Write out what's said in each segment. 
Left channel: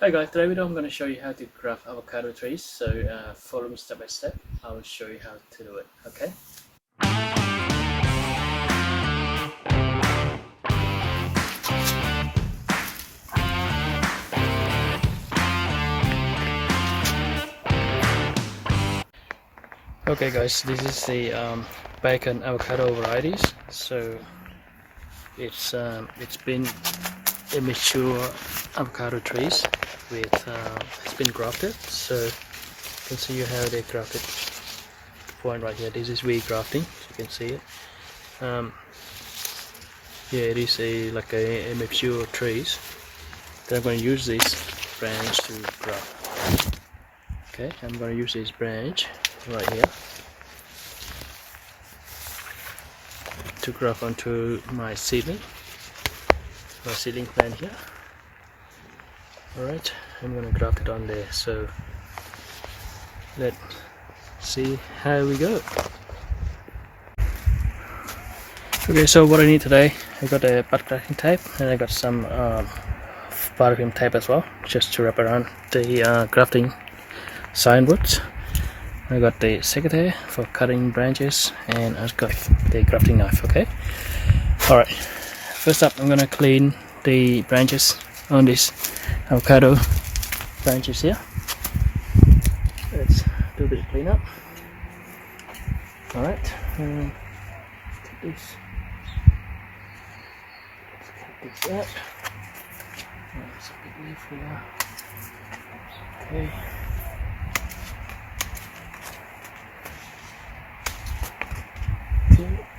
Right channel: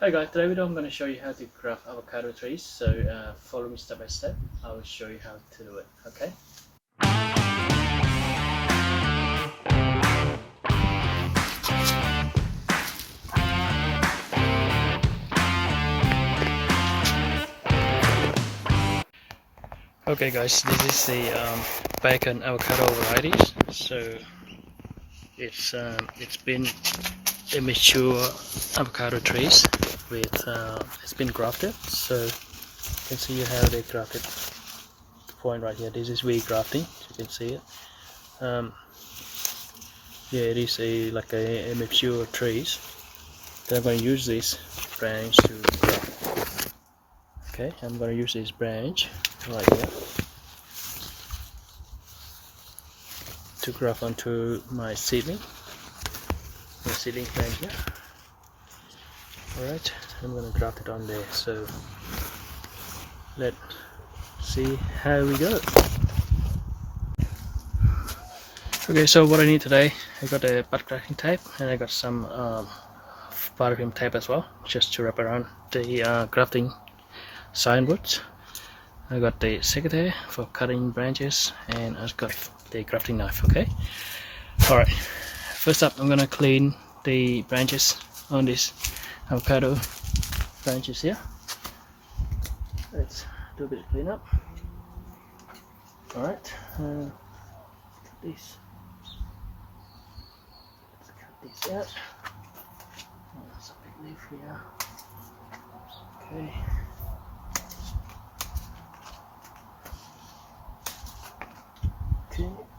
Hi guys, today video I'm going to show you how to graft avocado trees. So follow me step by step. I will show you how to do it. Okay. Okay guys, this is the bacon avocado varieties. So it's been immature avocado trees with it's been grafted. So you can see how they grafted. Point right here. This is grafting. You can see it. Yeah, it is like a mature trees. Then I'm going to use this branch to graft. Okay, I'm going to use this branch right here to graft onto my seedling plant here. Alright, I'm going to graft it on there. So let's see how we go. Okay, so what I need today, I got a butt grafting tape and I got some paraffin tape as well, just to wrap around the grafting signboards. I got the secateur for cutting branches and I've got the grafting knife. Okay, alright, first up I'm gonna clean the branches on these avocado branches here. Let's do a bit of cleanup. Alright, take this. Let's cut this out. There's a big leaf here. Okay.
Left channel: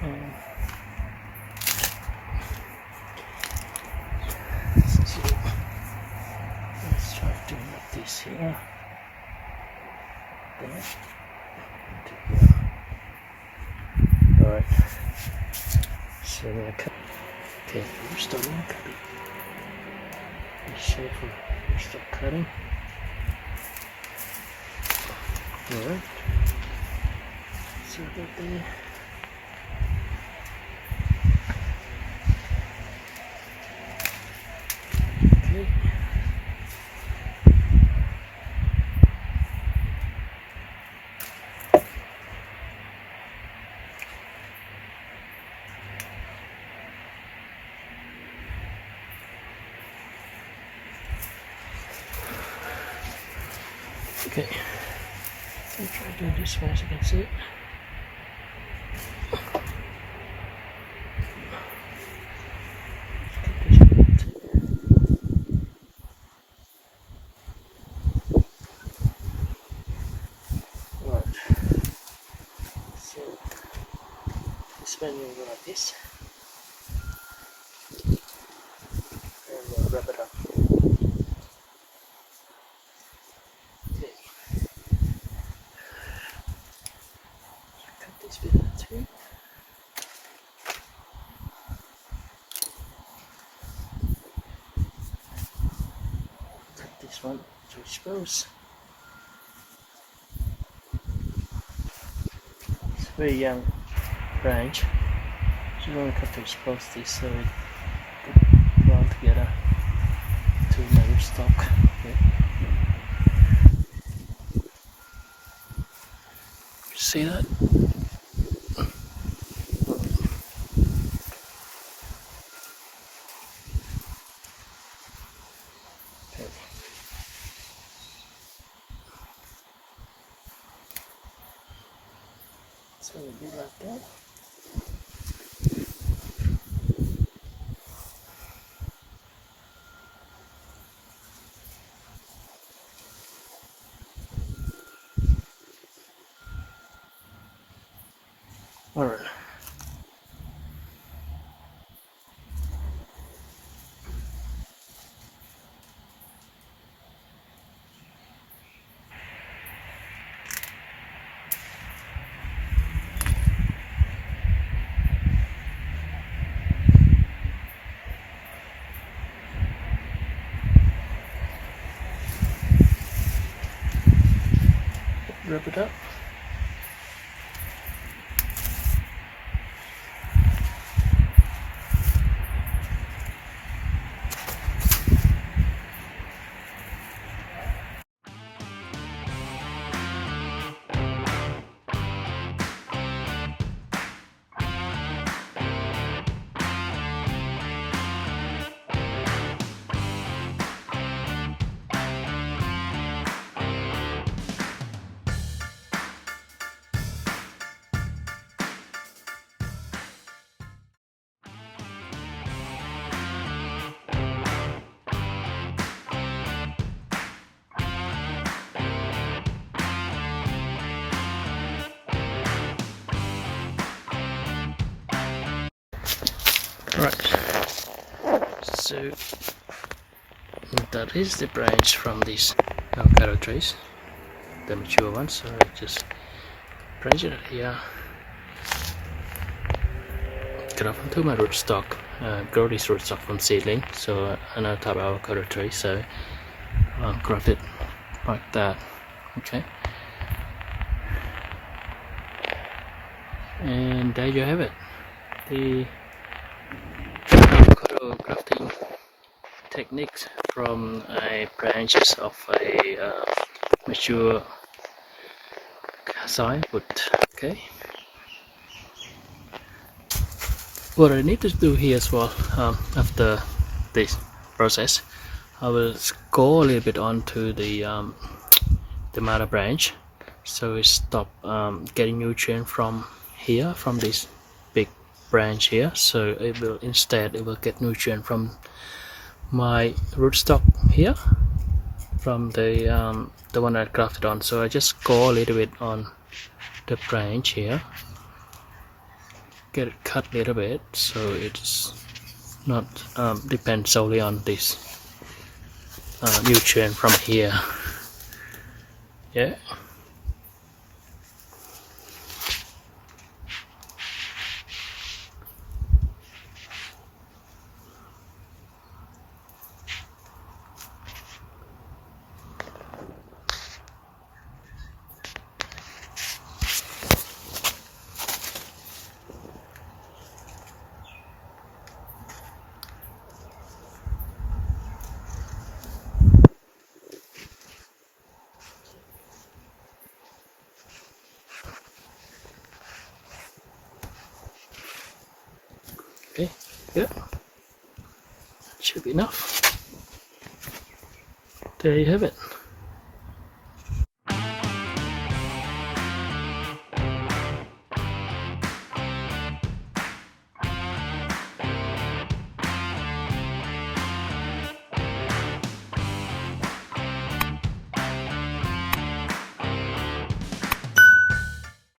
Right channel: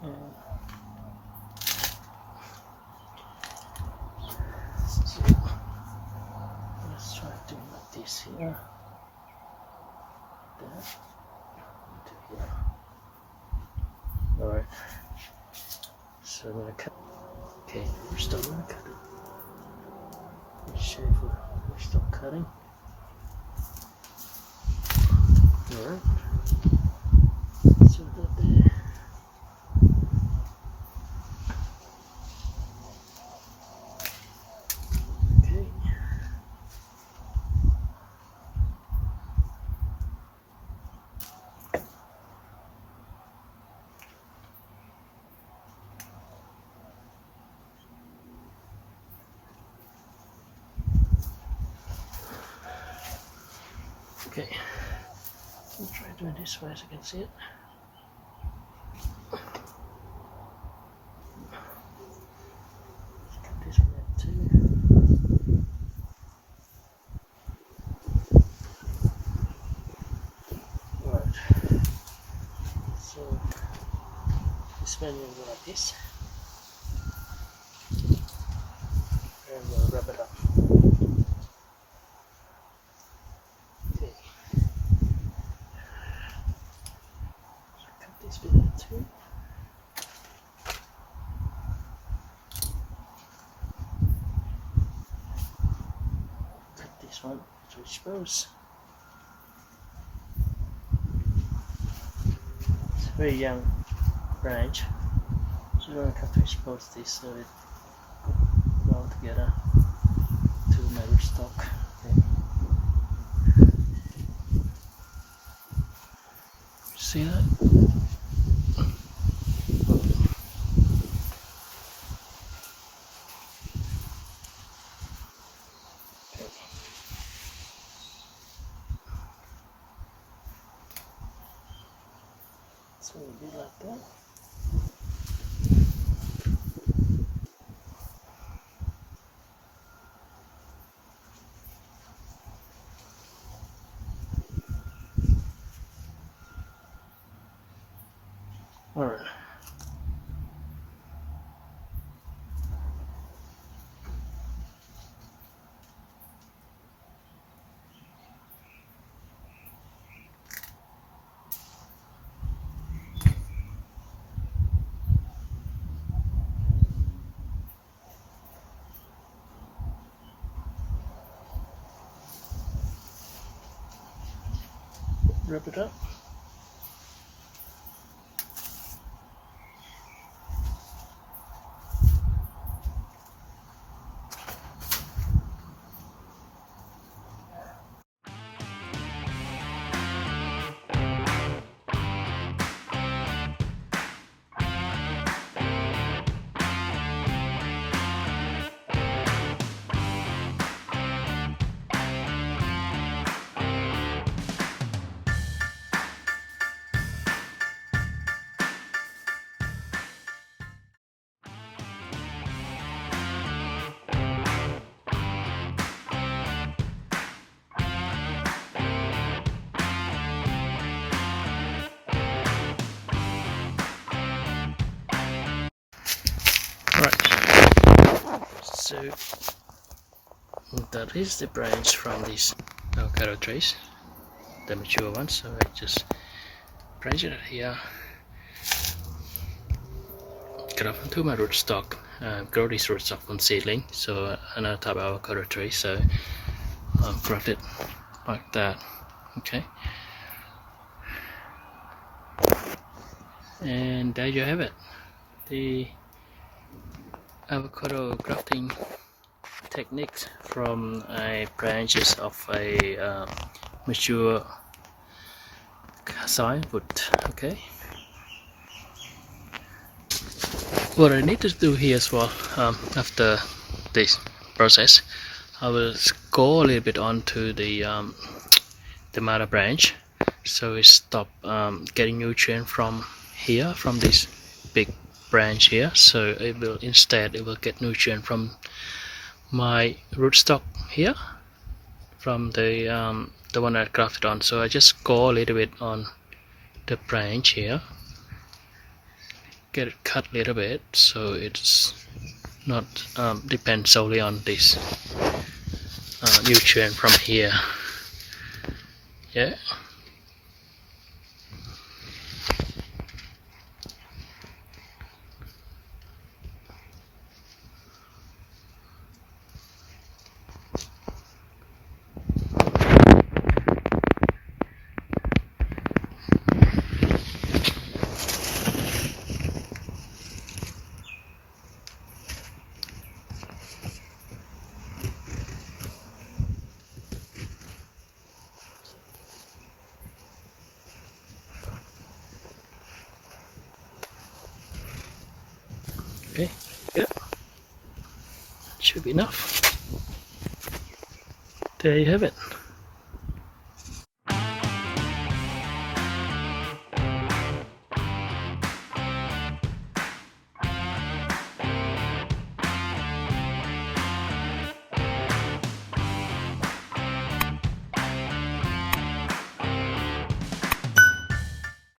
And let's try to do like this here. Alright. So I'm gonna cut. Okay, we're still gonna cut it. Be safer. We're still cutting. Alright. So about there. Okay. Okay, I'll try to do this one so you can see it. Alright, so this one will go like this, and we'll wrap it up. Okay. Cut this bit out too. Cut this one to expose. It's a very young branch, so we're going to cut to expose this so it could ground together to my rootstock. Okay. See that? Okay. So we'll do like that. Alright. Wrap it up. Right, so that is the branch from these avocado trees, the mature ones. So I just branch it here, graft onto my rootstock, grow this rootstock from seedling, so another type of avocado tree. So graft it like that. Okay, and there you have it, the avocado grafting techniques from branches of a mature sign-wood. Okay, what I need to do here as well, after this process, I will go a little bit onto the mother branch, so it stop getting nutrient from here, from this big branch here. So it will get nutrient from my rootstock here, from the one I grafted on. So I just go a little bit on the branch here, get it cut a little bit, so it's not depend solely on this nutrient from here. Yeah. Okay, yeah, should be enough. There you have it.